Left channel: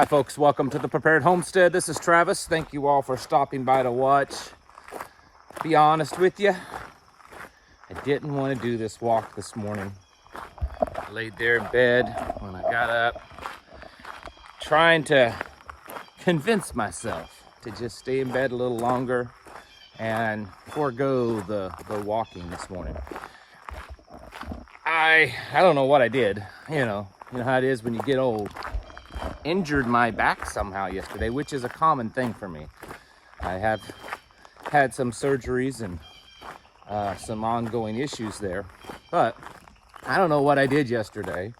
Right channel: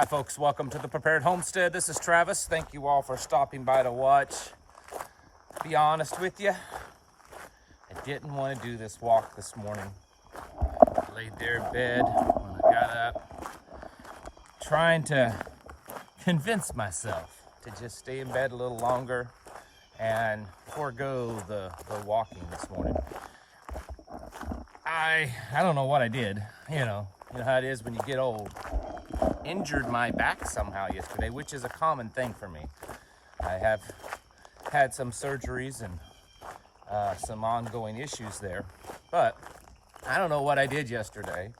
Hi folks, welcome to the Prepared Homestead. This is Travis. Thank you all for stopping by to watch. Be honest with you, I didn't want to do this walk this morning. I laid there in bed when I got up, trying to convince myself to just stay in bed a little longer and forego the walking this morning. I don't know what I did, you know how it is when you get old. Injured my back somehow yesterday, which is a common thing for me. I have had some surgeries and some ongoing issues there, but I don't know what I did yesterday,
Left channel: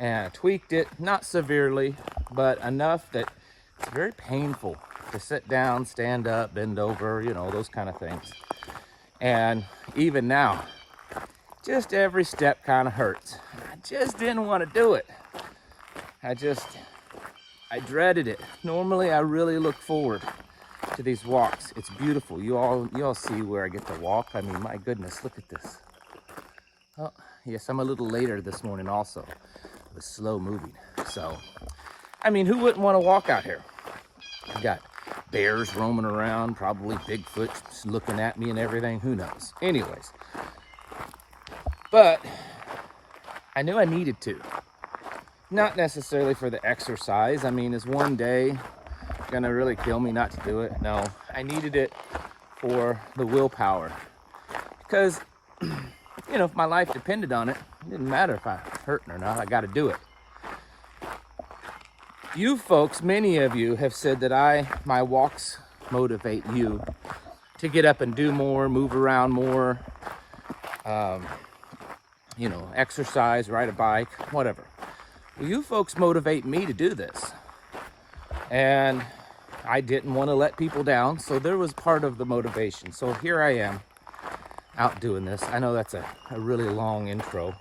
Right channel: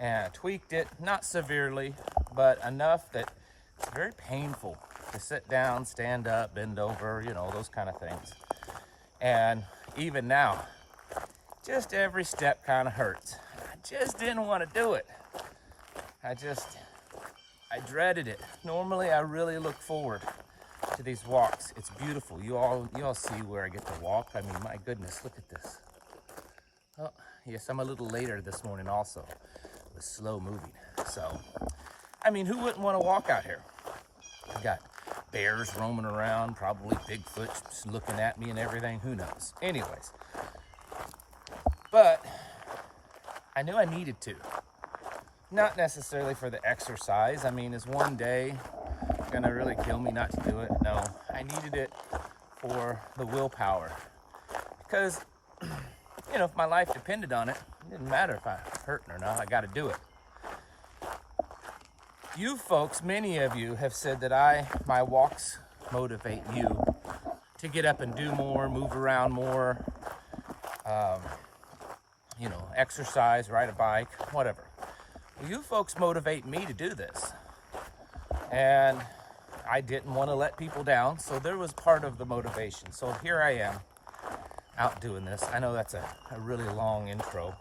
and I tweaked it, not severely, but enough that it's very painful to sit down, stand up, bend over, those kind of things. And even now, just every step kind of hurts. I just didn't want to do it. I dreaded it. Normally, I really look forward to these walks. It's beautiful. You all see where I get to walk. I mean, my goodness, look at this. Oh, yes, I'm a little later this morning also. It was slow moving. So, I mean, who wouldn't want to walk out here? I've got bears roaming around, probably Bigfoot looking at me and everything. Who knows? Anyways. But I knew I needed to. Not necessarily for the exercise. I mean, is one day gonna really kill me not to do it? No, I needed it for the willpower. Because, if my life depended on it, it didn't matter if I was hurting or not, I gotta do it. You folks, many of you have said that my walks motivate you to get up and do more, move around more, exercise, ride a bike, whatever. Well, you folks motivate me to do this. And I didn't want to let people down, so there was part of the motivation. So here I am, out doing this. I know that's a really long intro.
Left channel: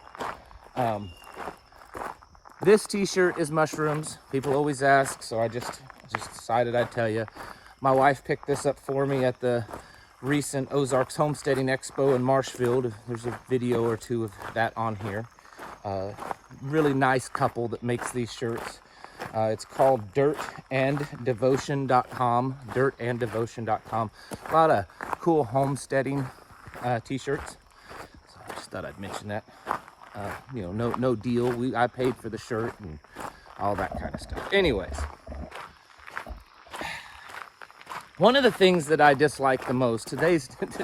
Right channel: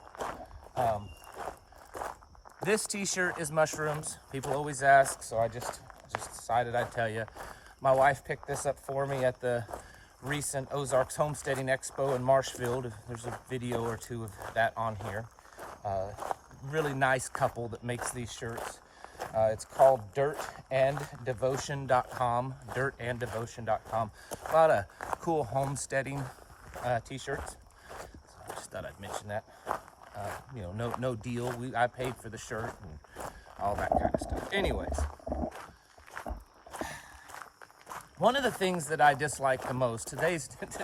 This t-shirt is mushrooms. People always ask, so I just decided I'd tell you. My wife picked this up for me at the recent Ozarks Homesteading Expo in Marshfield. There's a video or two of that on here. Really nice couple that makes these shirts. It's called dirtanddevotion.com. Dirtanddevotion.com. A lot of cool homesteading t-shirts. So I just thought I'd mention that. No deal. I paid for the shirt and all that kind of stuff. Anyways, one of the things that I dislike the most,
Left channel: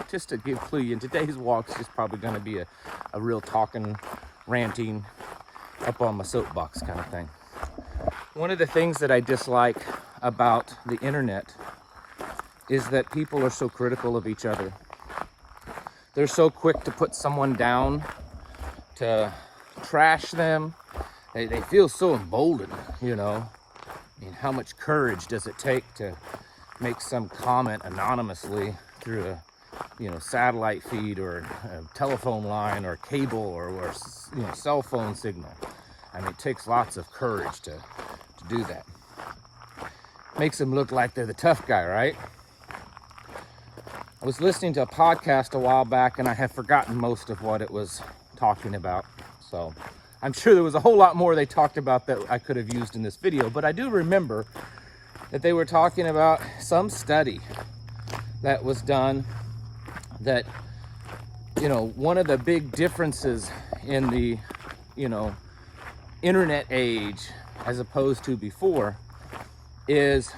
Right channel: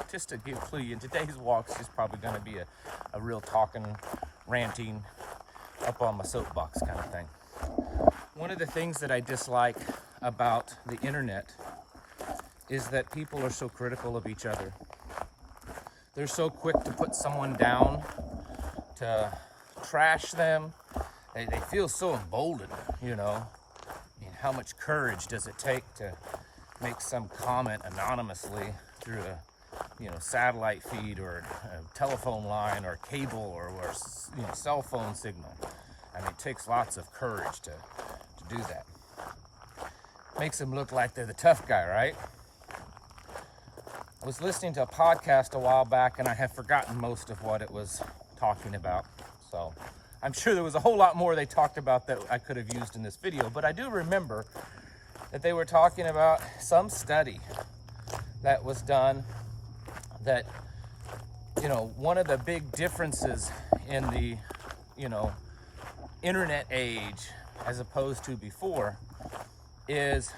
just to give clue you, today's walk's just probably going to be a real talking, ranting, up on my soapbox kind of thing. One of the things that I dislike about the internet is that people are so critical of each other. They're so quick to put someone down, to trash them. They feel so emboldened, I mean, how much courage does it take to make some comment anonymously through a satellite feed or a telephone line or cable or cell phone signal? I mean, it takes lots of courage to do that. Makes them look like they're the tough guy, right? I was listening to a podcast a while back and I have forgotten most of what it was talking about. So I'm sure there was a whole lot more they talked about that I could have used in this video, but I do remember that they were talking about some study that was done that, one of the big differences in the, internet age as opposed to before is,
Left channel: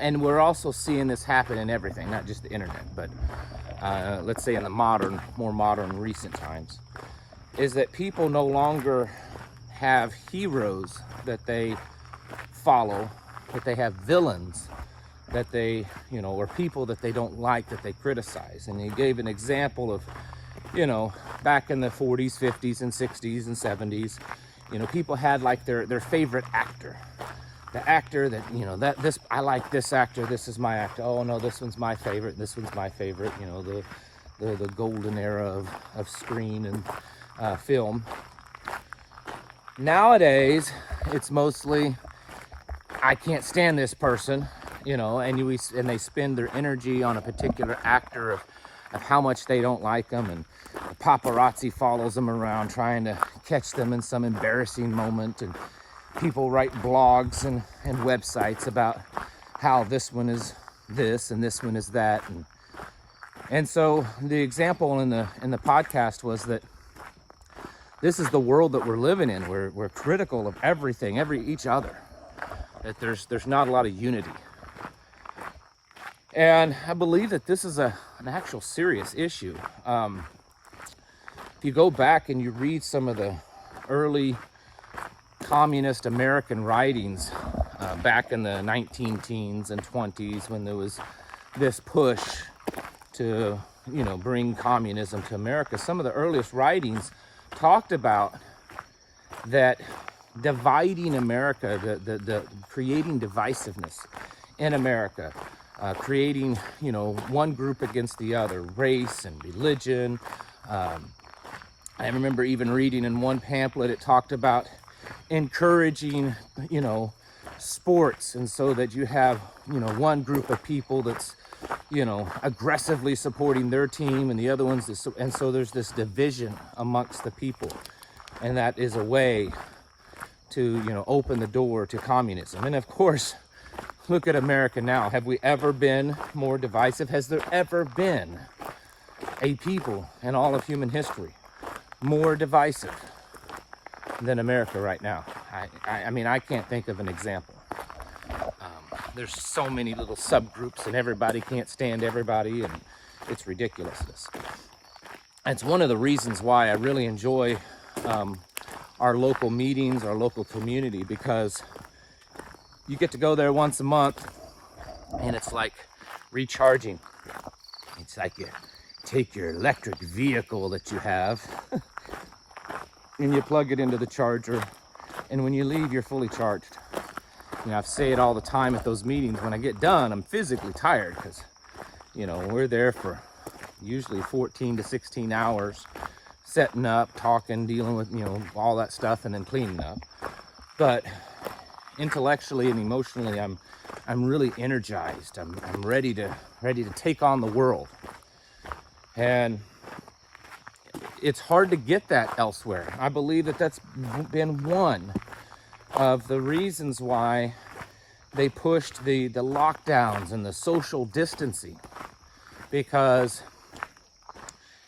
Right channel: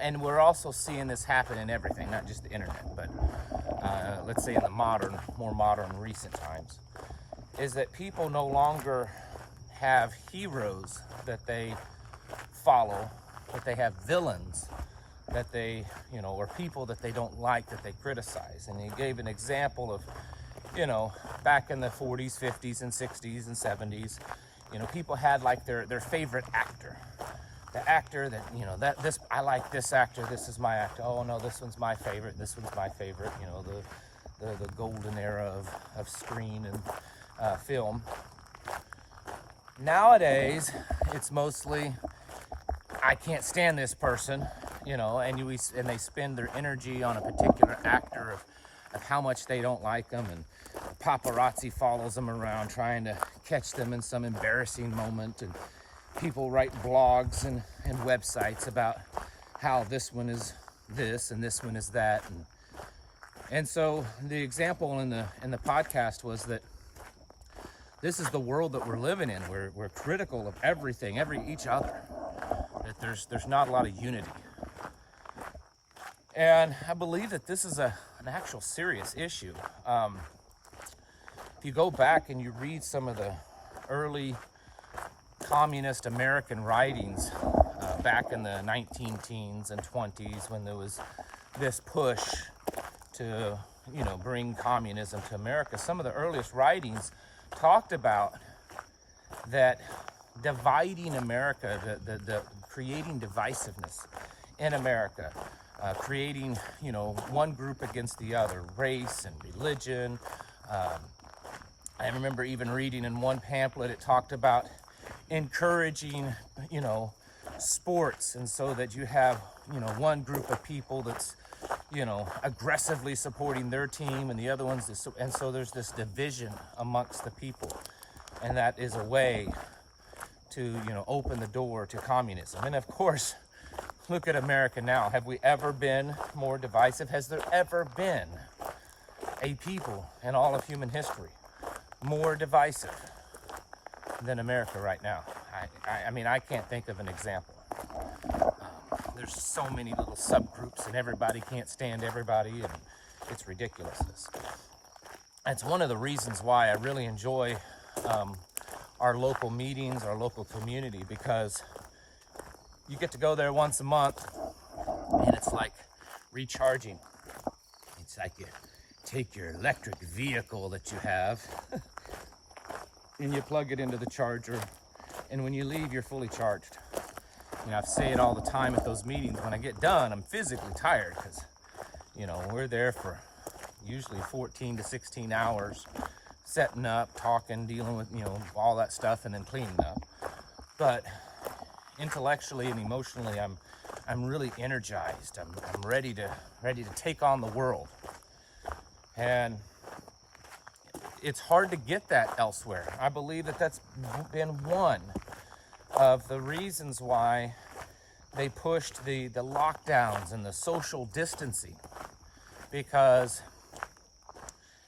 and we're also seeing this happen in everything, not just the internet, but let's say in the more modern recent times, is that people no longer have heroes that they follow, that they have villains that they, or people that they don't like, that they criticize. And he gave an example of, back in the 40s, 50s, and 60s, and 70s, people had like their favorite actor. The actor that, I like this actor, this is my actor. Oh no, this one's my favorite, this one's my favorite, the golden era of screen and film. Nowadays, it's mostly, I can't stand this person, and they spend their energy on a particular actor of how much they don't like them, and the paparazzi follows them around trying to catch them in some embarrassing moment, and people write blogs and websites about how this one is this and this one is that, and so the example in the podcast was that this is the world that we're living in. We're critical of everything, each other. That there's not a lot of unity. And I believe that this is an actual serious issue. If you go back and you read some of the early communist American writings back in the 19-teens and 20s, when there was this push to, bring communism to America, some of the earliest writings talked about that dividing America, the creating divisiveness in America, creating, one group against the other, race and religion. I remember even reading in one pamphlet, it talked about encouraging, sports, and so that you have, one group of people that's, aggressively supporting their team and the other ones, and so there's this division amongst the people, and that is a way to, open the door to communism. And of course, look at America now. Have we ever been more divisive? Has there ever been a people in all of human history more divisive than America right now? I mean, I can't think of an example. There's so many little subgroups and everybody can't stand everybody, and it's ridiculousness. That's one of the reasons why I really enjoy our local meetings, our local community, because you get to go there once a month and it's like recharging. It's like you take your electric vehicle that you have and you plug it into the charger, and when you leave, you're fully charged. I say it all the time at those meetings. When I get done, I'm physically tired because, we're there for usually 14 to 16 hours, setting up, talking, dealing with, all that stuff, and then cleaning up. But intellectually and emotionally, I'm really energized. I'm ready to take on the world. And it's hard to get that elsewhere. I believe that that's been one of the reasons why they pushed the lockdowns and the social distancing, because,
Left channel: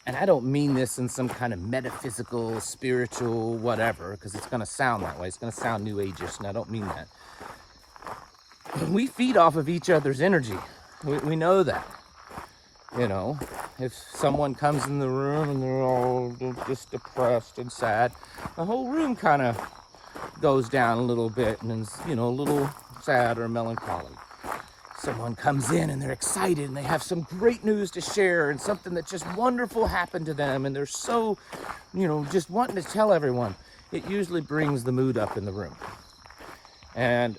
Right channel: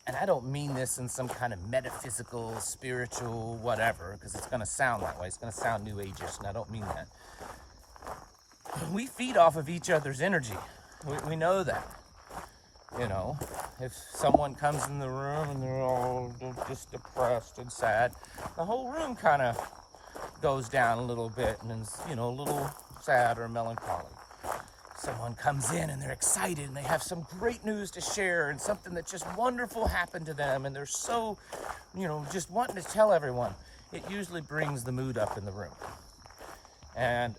and I don't mean this in some kind of metaphysical, spiritual, whatever, because it's going to sound that way. It's going to sound new age-ish, and I don't mean that. We feed off of each other's energy. We know that. If someone comes in the room and they're all just depressed and sad, the whole room kind of goes down a little bit and is, a little sad or melancholy. Someone comes in and they're excited and they have some great news to share and something that just wonderful happened to them, and they're so, just wanting to tell everyone. It usually brings the mood up in the room. And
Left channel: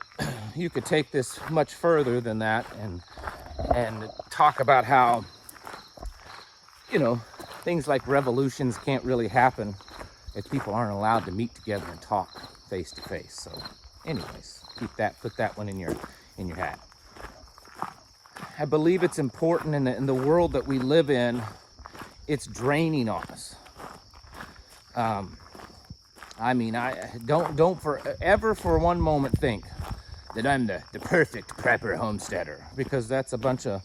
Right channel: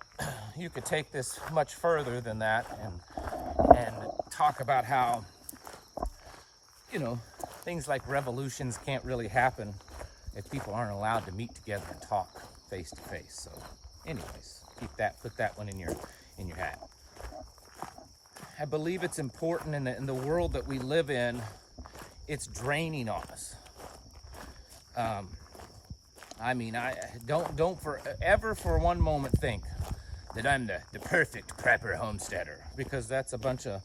you could take this much further than that and talk about how, things like revolutions can't really happen if people aren't allowed to meet together and talk face to face. So anyways, put that one in your hat. I believe it's important in the world that we live in. It's draining on us. I don't forever for one moment think that I'm the perfect prepper homesteader, because that's a bunch of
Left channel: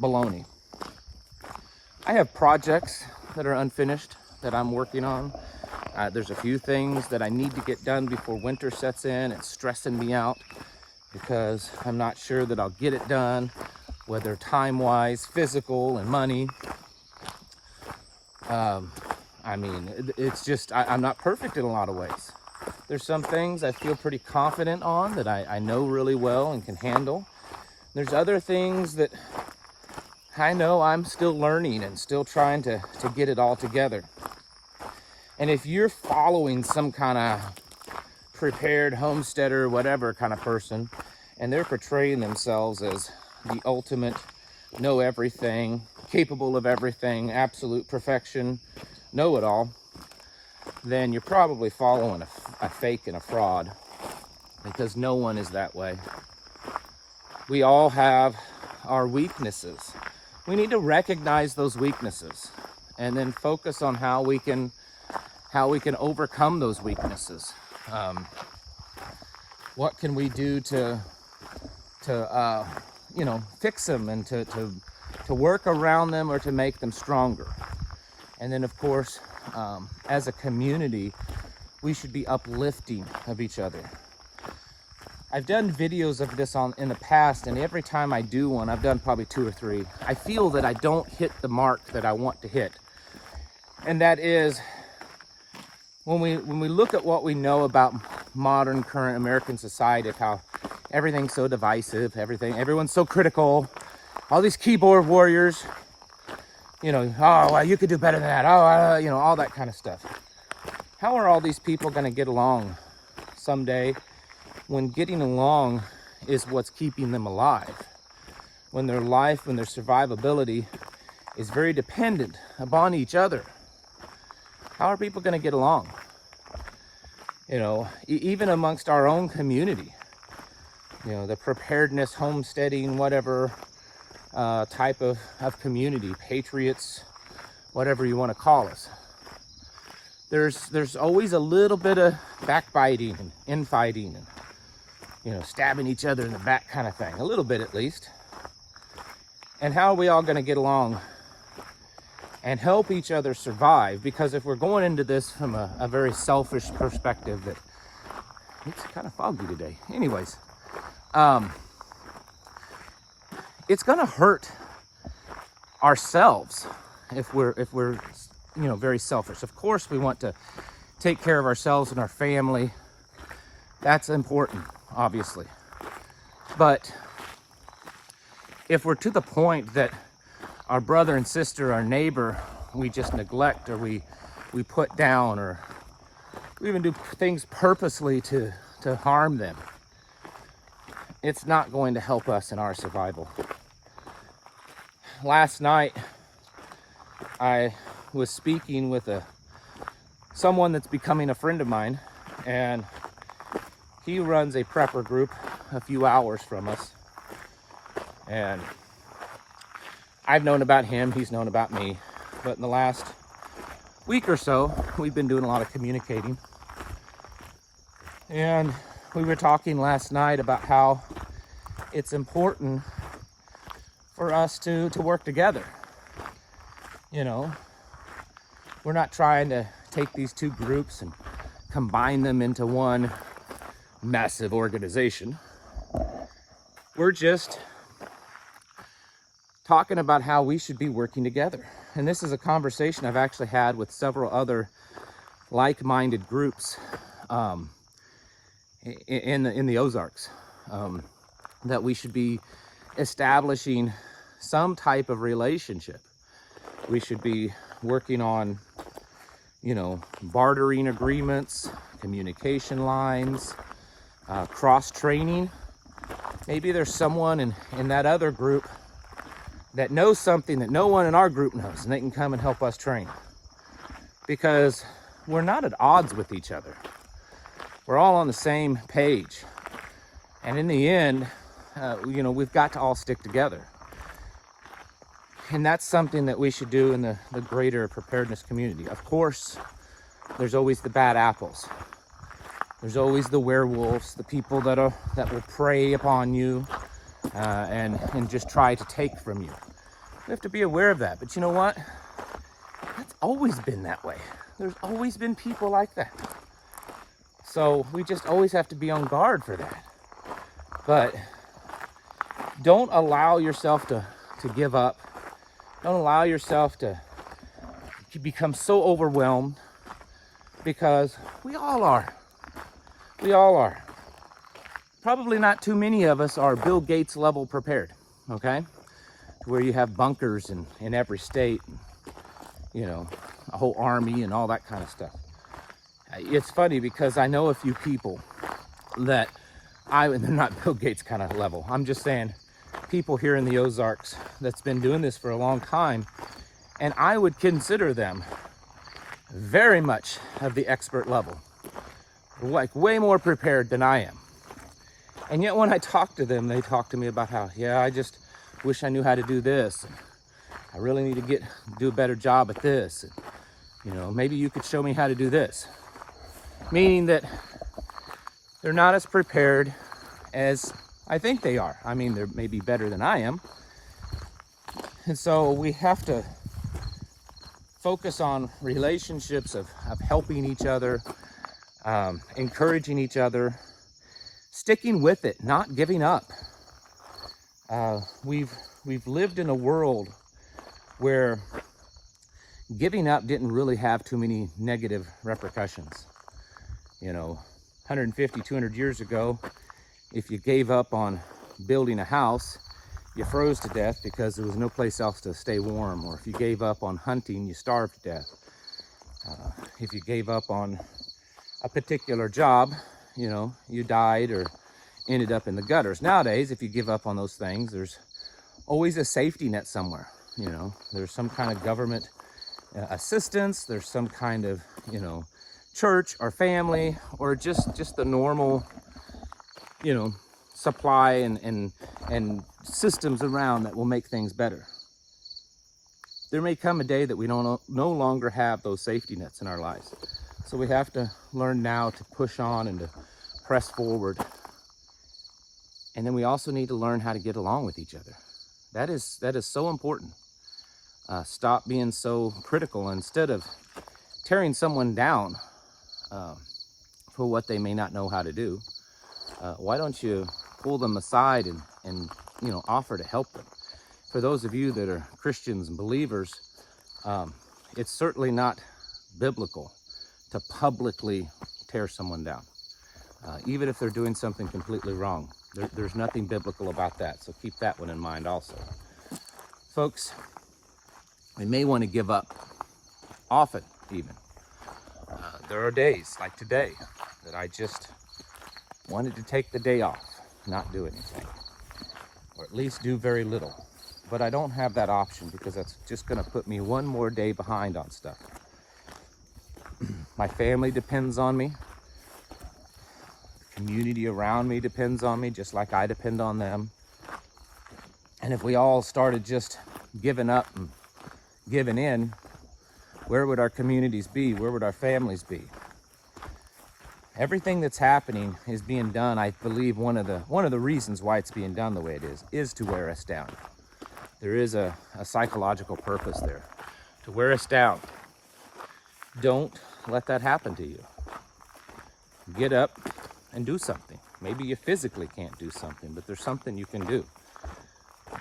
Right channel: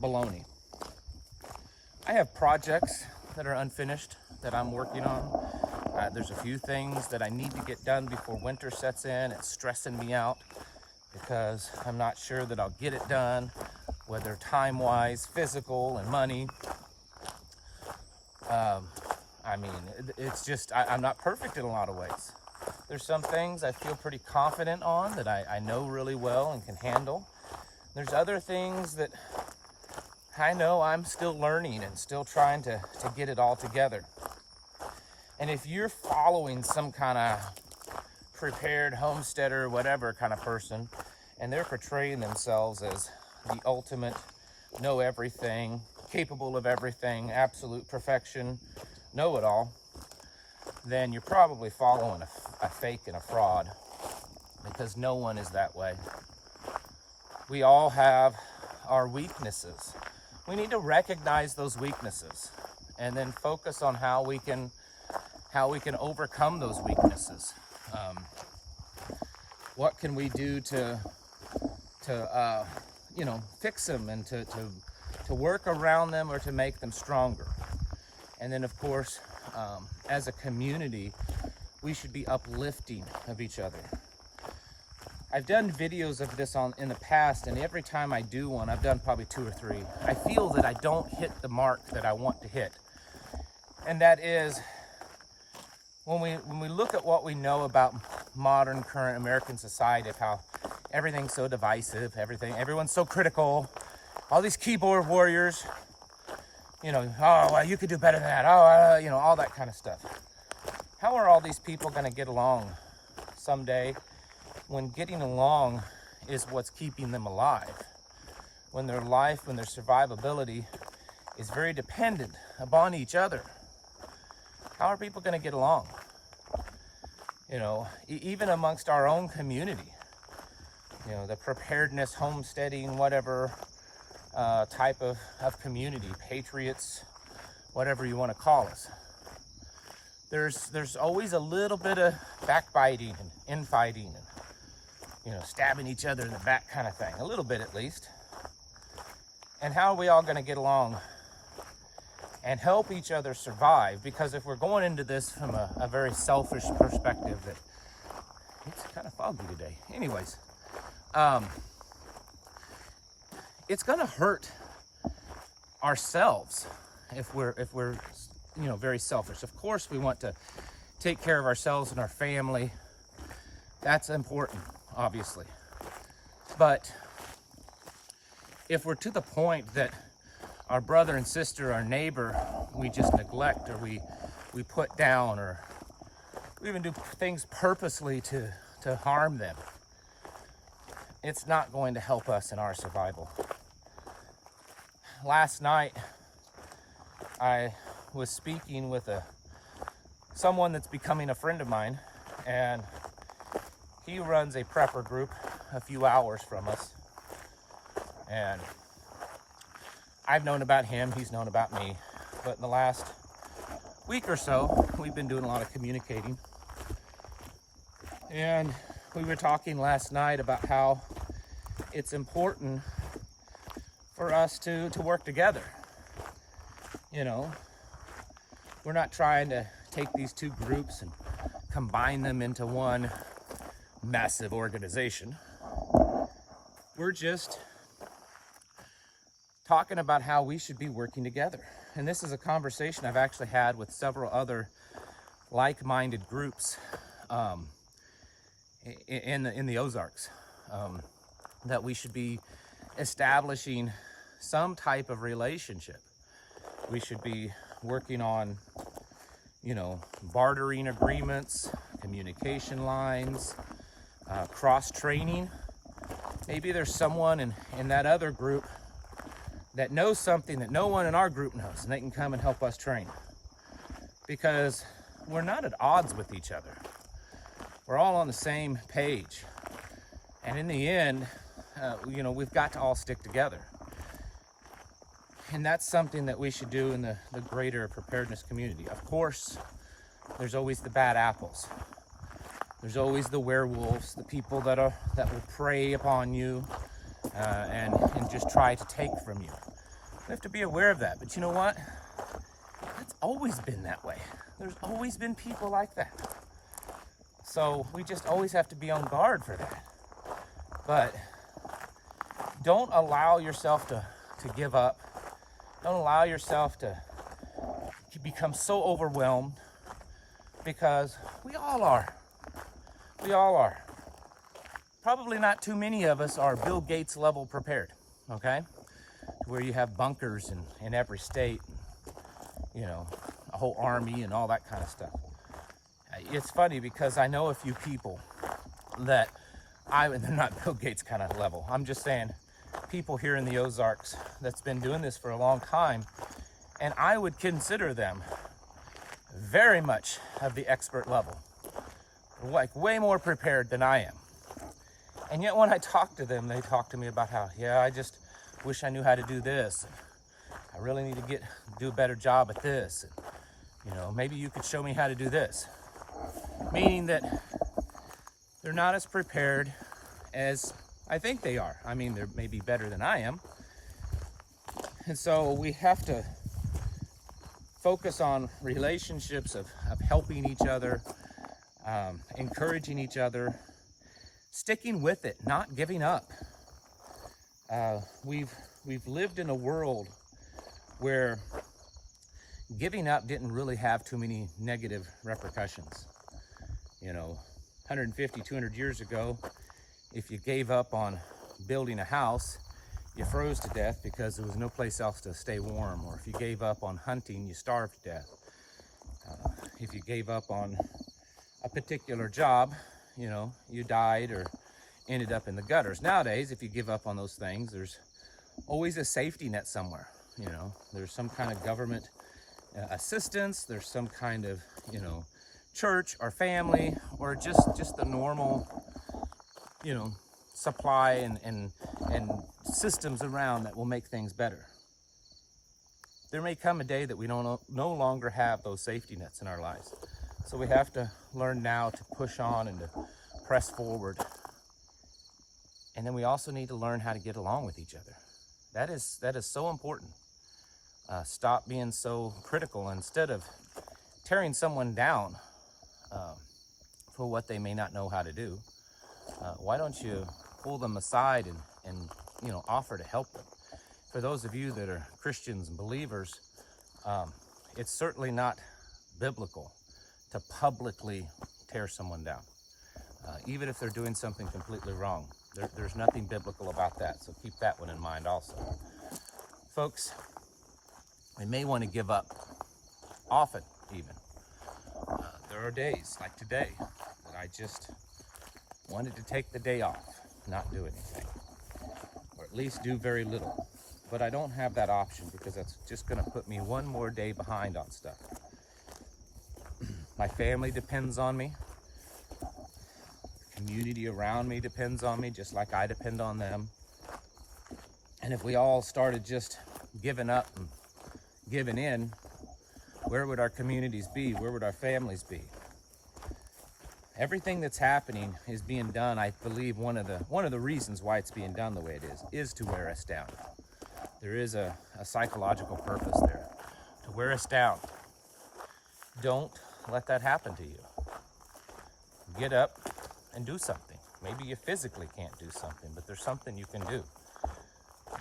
baloney. I have projects that are unfinished that I'm working on. There's a few things that I need to get done before winter sets in. It's stressing me out because I'm not sure that I'll get it done, whether time-wise, physical, and money. It's just, I'm not perfect in a lot of ways. There's some things I feel pretty confident on that I know really well and can handle. There's other things that I know I'm still learning and still trying to get it all together. And if you're following some kind of prepared homesteader, whatever kind of person, and they're portraying themselves as the ultimate know everything, capable of everything, absolute perfection, know-it-all, then you're probably following a fake and a fraud, because no one is that way. We all have our weaknesses. We need to recognize those weaknesses and then focus on how we can overcome those weaknesses. What can we do to you know, fix them and to work around them or to make them stronger? And then, of course, as a community, we should be uplifting of each other. I've done videos of this in the past, and every time I do one, I've done probably 2 or 3, I feel that I don't hit the mark that I want to hit. And that is, when we look at what we know about modern current American society, of how everything's so divisive, everyone's so critical, all these keyboard warriors, you know, oh, well, you could do better than that, oh, you know, all that kind of stuff. How are all these people going to get along someday, when getting along is what's keeping them alive? When their life, when their survivability is very dependent upon each other. How are people going to get along? You know, even amongst our own community. You know, the preparedness, homesteading, whatever type of community, patriots, whatever you want to call us. There's always a little bit of backbiting and infighting and, you know, stabbing each other in the back kind of thing, a little bit at least. And how are we all going to get along and help each other survive? Because if we're going into this from a very selfish perspective, that it's kind of foggy today. Anyways, it's going to hurt ourselves if we're you know, very selfish. Of course, we want to take care of ourselves and our family. That's important, obviously. But if we're to the point that our brother and sister, our neighbor, we just neglect, or we put down, or we even do things purposely to harm them, it's not going to help us in our survival. Last night, I was speaking with someone that's becoming a friend of mine, and he runs a prepper group a few hours from us. And I've known about him, he's known about me, but in the last week or so, we've been doing a lot of communicating. And we were talking last night about how it's important for us to work together. You know, we're not trying to take these two groups and combine them into one massive organization. We're just talking about how we should be working together. And this is a conversation I've actually had with several other like-minded groups in the Ozarks, that we should be establishing some type of relationship. We should be working on, you know, bartering agreements, communication lines, cross-training. Maybe there's someone in that other group that knows something that no one in our group knows, and they can come and help us train. Because we're not at odds with each other. We're all on the same page. And in the end, you know, we've got to all stick together. And that's something that we should do in the greater preparedness community. Of course, there's always the bad apples. There's always the werewolves, the people that will prey upon you and just try to take from you. We have to be aware of that. But you know what? It's always been that way. There's always been people like that. So we just always have to be on guard for that. But don't allow yourself to give up. Don't allow yourself to become so overwhelmed, because we all are. We all are. Probably not too many of us are Bill Gates level prepared, okay? To where you have bunkers in every state, you know, a whole army and all that kind of stuff. It's funny because I know a few people that they're not Bill Gates kind of level. I'm just saying, people here in the Ozarks that's been doing this for a long time, and I would consider them very much of the expert level, like way more prepared than I am. And yet when I talk to them, they talk to me about how, yeah, I just wish I knew how to do this. I really need to do a better job at this. And, you know, maybe you could show me how to do this. Meaning that they're not as prepared as I think they are. I mean, they're maybe better than I am. And so we have to focus on relationships of helping each other, encouraging each other, sticking with it, not giving up. We've lived in a world where giving up didn't really have too many negative repercussions. You know, 150, 200 years ago, if you gave up on building a house, you froze to death because there was no place else to stay warm. Or if you gave up on hunting, you starved to death. If you gave up on a particular job, you know, you died or ended up in the gutters. Nowadays, if you give up on those things, there's always a safety net somewhere. You know, there's some kind of government assistance, there's some kind of, you know, church or family, or just the normal, you know, supply and systems around that will make things better. There may come a day that we no longer have those safety nets in our lives. So we have to learn now to push on and to press forward. And then we also need to learn how to get along with each other. That is so important. Stop being so critical. Instead of tearing someone down for what they may not know how to do, why don't you pull them aside and you know, offer to help them? For those of you that are Christians and believers, it's certainly not biblical to publicly tear someone down, even if they're doing something completely wrong. There's nothing biblical about that, so keep that one in mind also. Folks, we may want to give up, often even. There are days like today that I just wanted to take the day off, not do anything, or at least do very little. But I don't have that option because that's just going to put me one more day behind on stuff. My family depends on me. The community around me depends on me, just like I depend on them. And if we all started just giving up and giving in, where would our communities be? Where would our families be? Everything that's happening is being done, I believe one of the reasons why it's being done the way it is to wear us down. There is a psychological purpose there, to wear us down. Don't let that happen to you. Get up and do something. Maybe you physically can't do something, but there's something you can do.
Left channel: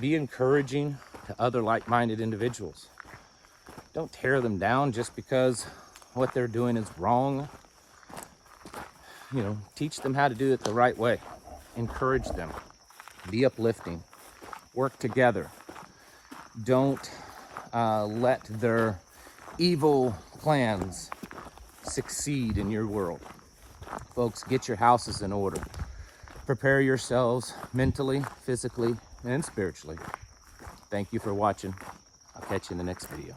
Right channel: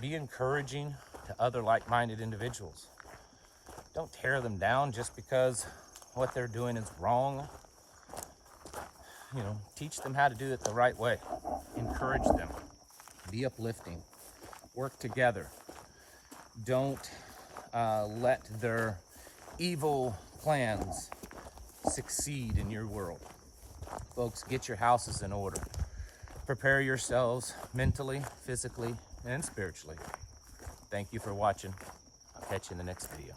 Be encouraging to other like-minded individuals. Don't tear them down just because what they're doing is wrong. You know, teach them how to do it the right way. Encourage them. Be uplifting. Work together. Don't let their evil plans succeed in your world. Folks, get your houses in order. Prepare yourselves mentally, physically, and spiritually. Thank you for watching. I'll catch you in the next video.